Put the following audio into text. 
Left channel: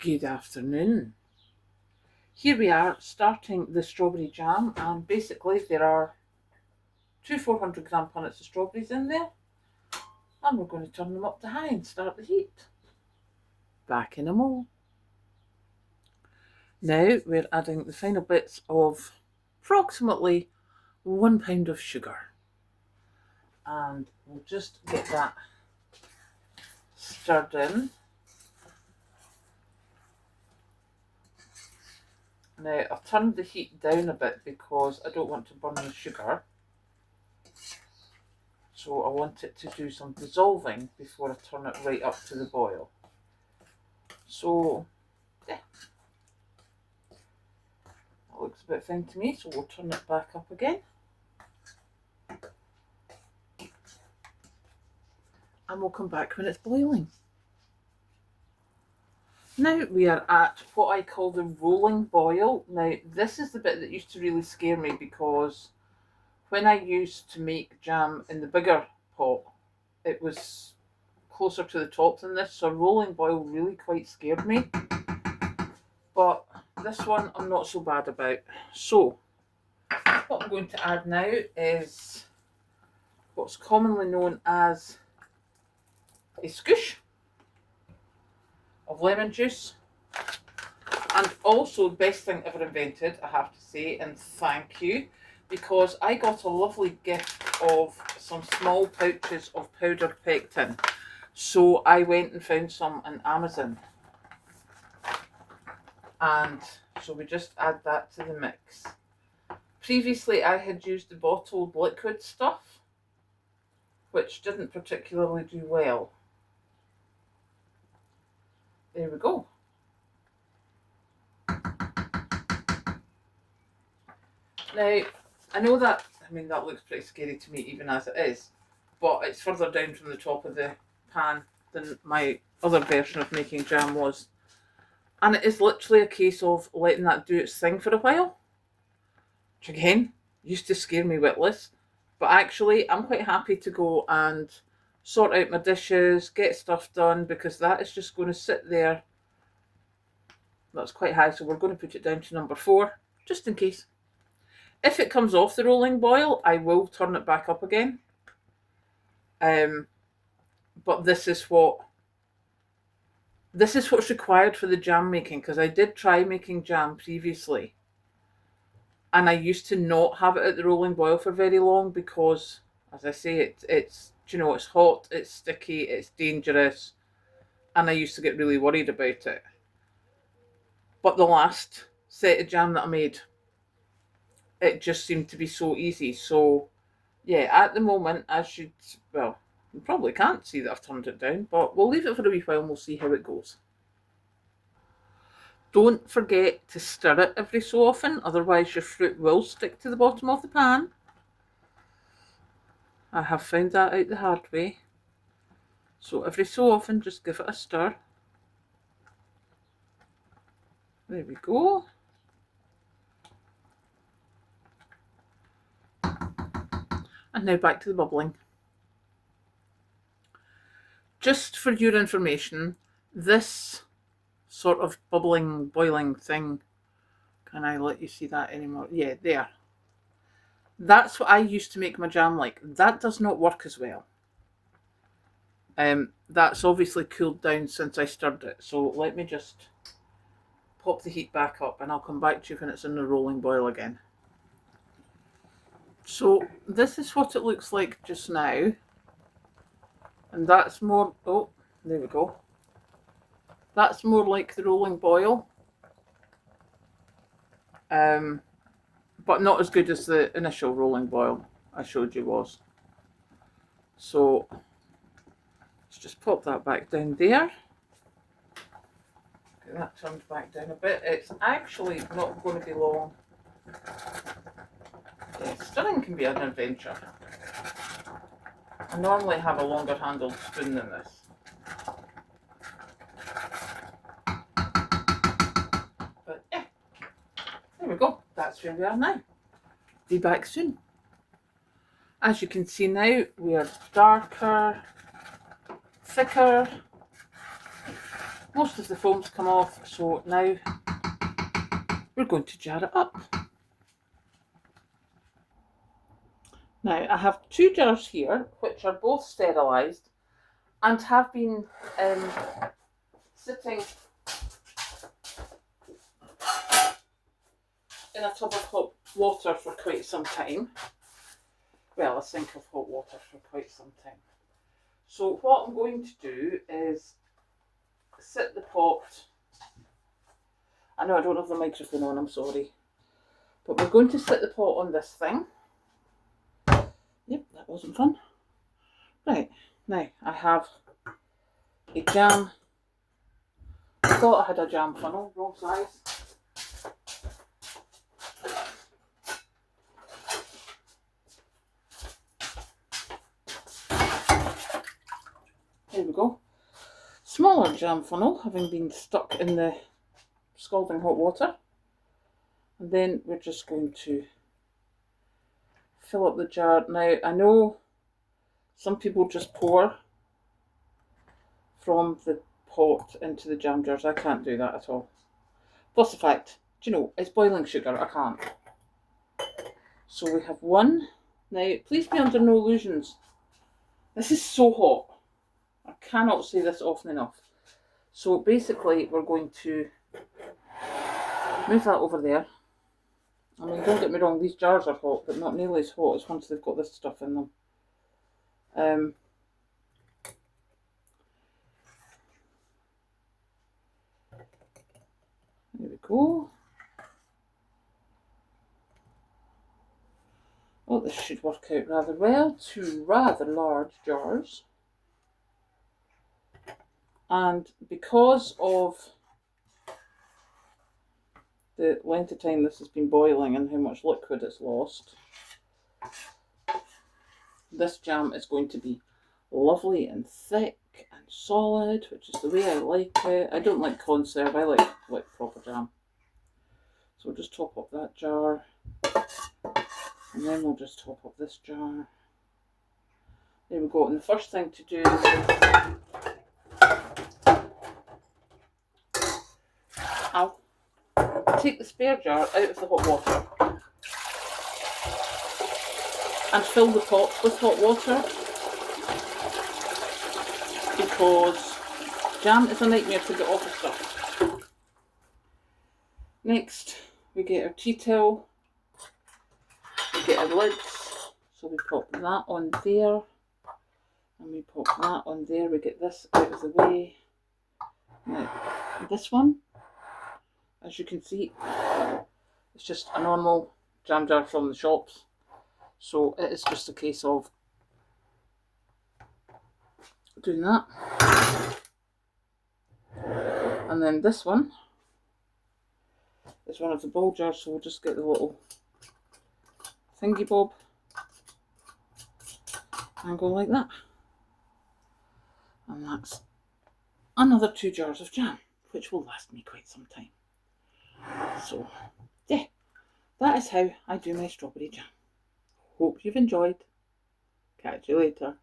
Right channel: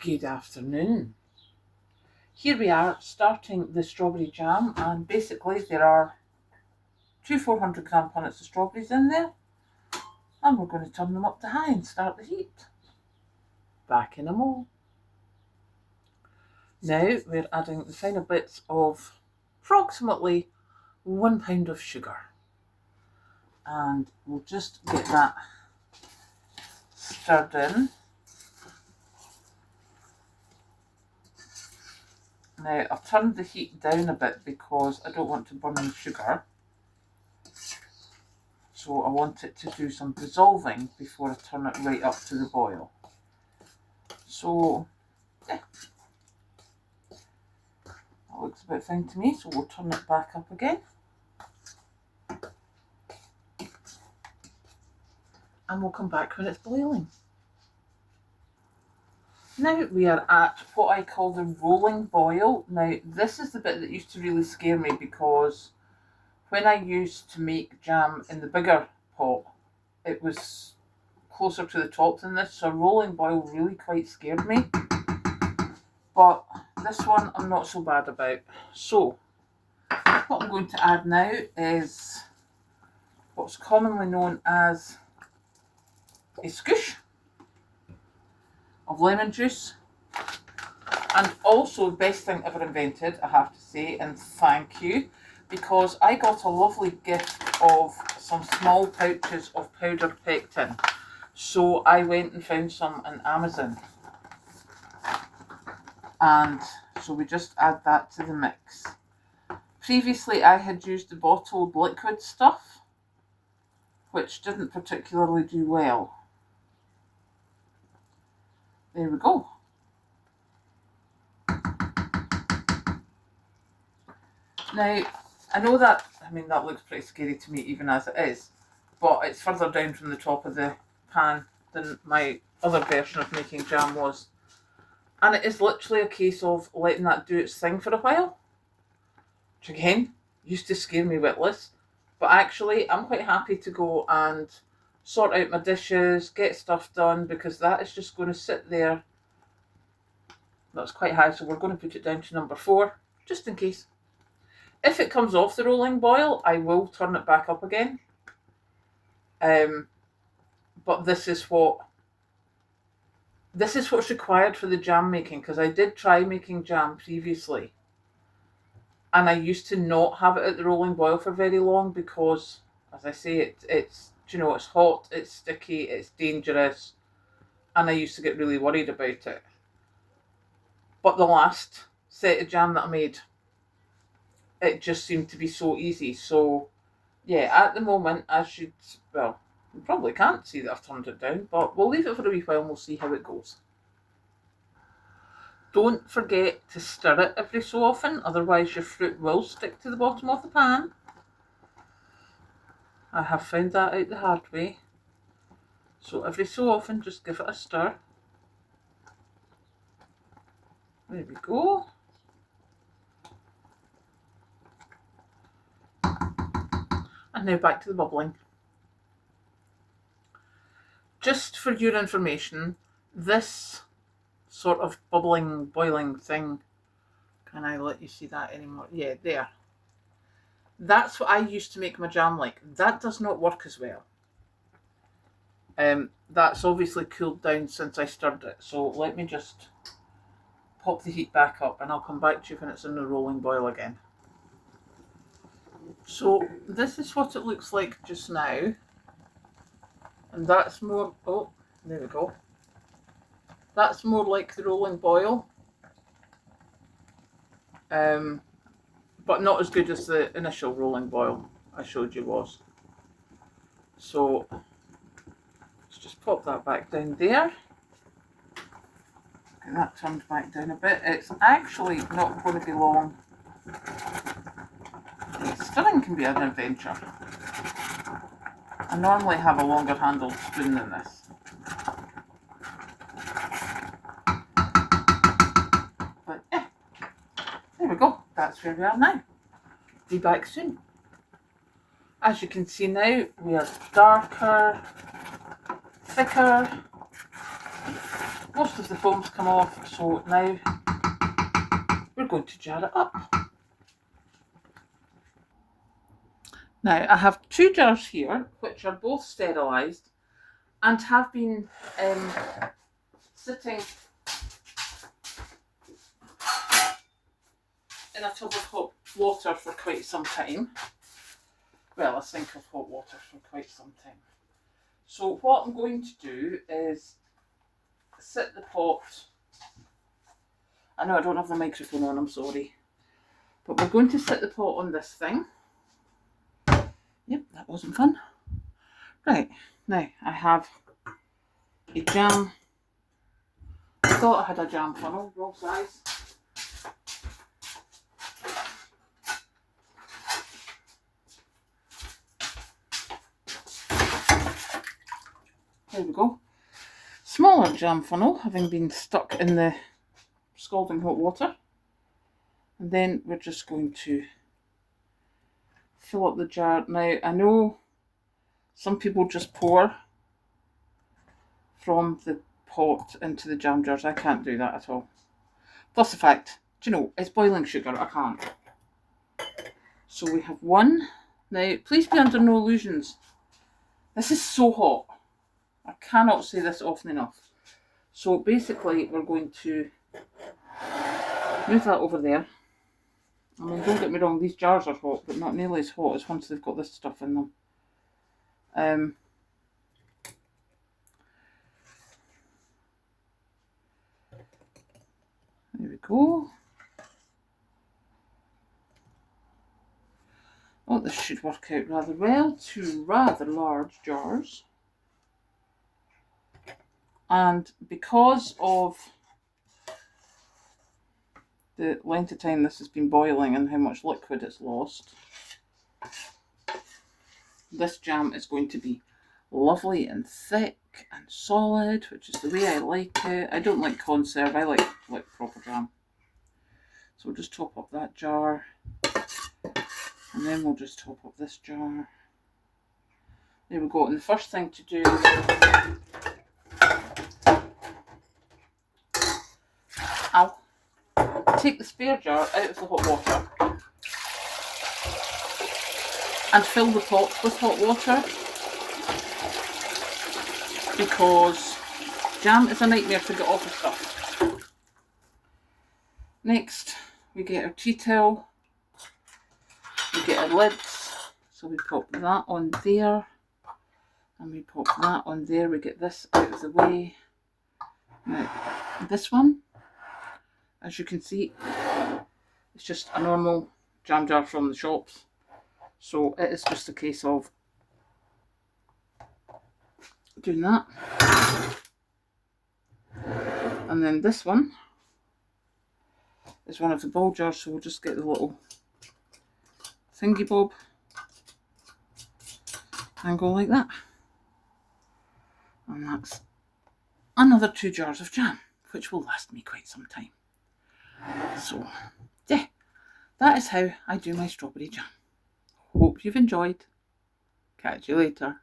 Good afternoon. Here we are starting the strawberry jam, and basically there are two 400-gram punnets of strawberries in there, and we're going to turn them up to high and start the heat. Back in a mo. Now we're adding the final bits of approximately 1 pound of sugar, and we'll just get that stirred in. Now I've turned the heat down a bit because I don't want to burn the sugar. So I want it to do some dissolving before I turn it right up to the boil. So yeah, that looks about fine to me, so we'll turn it back up again. And we'll come back when it's boiling. Now we are at what I call the rolling boil. Now this is the bit that used to really scare me because when I used to make jam in the bigger pot, it was closer to the top than this, so a rolling boil really quite scared me. But this one I'm not so bad about. So what I'm going to add now is what's commonly known as a scoosh of lemon juice, and also best thing ever invented, I have to say, and thank you, because I got a lovely gift of some small pouches of powdered pectin. So I went and found some on Amazon, and so we just add that to the mix. Previously I had used the bottled liquid stuff, which didn't particularly do well. There we go. Now, I know that, that looks pretty scary to me even as it is, but it's further down from the top of the pan than my other version of making jam was. And it is literally a case of letting that do its thing for a while, which again, used to scare me witless. But actually, I'm quite happy to go and sort out my dishes, get stuff done, because that is just going to sit there. That's quite high, so we're going to put it down to number 4, just in case. If it comes off the rolling boil, I will turn it back up again. But this is what's required for the jam making, because I did try making jam previously, and I used to not have it at the rolling boil for very long because, as I say, it's it's hot, it's sticky, it's dangerous, and I used to get really worried about it. But the last set of jam that I made, it just seemed to be so easy. So yeah, at the moment, you probably can't see that I've turned it down, but we'll leave it for a wee while and we'll see how it goes. Don't forget to stir it every so often, otherwise your fruit will stick to the bottom of the pan. I have found that out the hard way. So every so often, just give it a stir. There we go. And now back to the bubbling. Just for your information, this sort of bubbling, boiling thing, can I let you see that anymore? Yeah, there. That's what I used to make my jam like. That does not work as well. That's obviously cooled down since I stirred it. So let me just pop the heat back up and I'll come back to you when it's in the rolling boil again. So this is what it looks like just now. And that's more, oh, there we go. That's more like the rolling boil. But not as good as the initial rolling boil I showed you was. So let's just pop that back down there. Get that turned back down a bit. It's actually not going to be long. Stirring can be an adventure. I normally have a longer handled spoon than this. But yeah, there we go. That's where we are now. Be back soon. As you can see now, we are darker, thicker, most of the foam's come off, so now we're going to jar it up. Now I have 2 jars here which are both sterilised and have been sitting in a tub of hot water for quite some time. Well, a sink of hot water for quite some time. So what I'm going to do is sit the pot. I know I don't have the microphone on, I'm sorry. But we're going to sit the pot on this thing. Yep, that wasn't fun. Right, now I have a jam. I thought I had a jam funnel, wrong size. There we go. Smaller jam funnel, having been stuck in the scalding hot water. And then we're just going to fill up the jar. Now, I know some people just pour from the pot into the jam jars. I can't do that at all. Plus the fact, do you know, it's boiling sugar, I can't. So we have 1. Now, please be under no illusions. This is so hot. I cannot say this often enough. So basically, we're going to move that over there. I mean, don't get me wrong, these jars are hot, but not nearly as hot as once they've got this stuff in them. There we go. Well, this should work out rather well. 2 rather large jars. And because of the length of time this has been boiling and how much liquid it's lost, this jam is going to be lovely and thick and solid, which is the way I like it. I don't like conserve, I like proper jam. So we'll just top up that jar, and then we'll just top up this jar. There we go. And the first thing to do is I'll take the spare jar out of the hot water and fill the pot with hot water, because jam is a nightmare to get off the stuff. Next, we get our tea towel, we get our lids, so we pop that on there, and we pop that on there. We get this out of the way. Now, this one, as you can see, it's just a normal jam jar from the shops, so it is just a case of doing that. And then this one is one of the ball jars, so we'll just get the little thingy bob and go like that. And that's another 2 jars of jam, which will last me quite some time. So, yeah, that is how I do my strawberry jam. Hope you've enjoyed. Catch you later.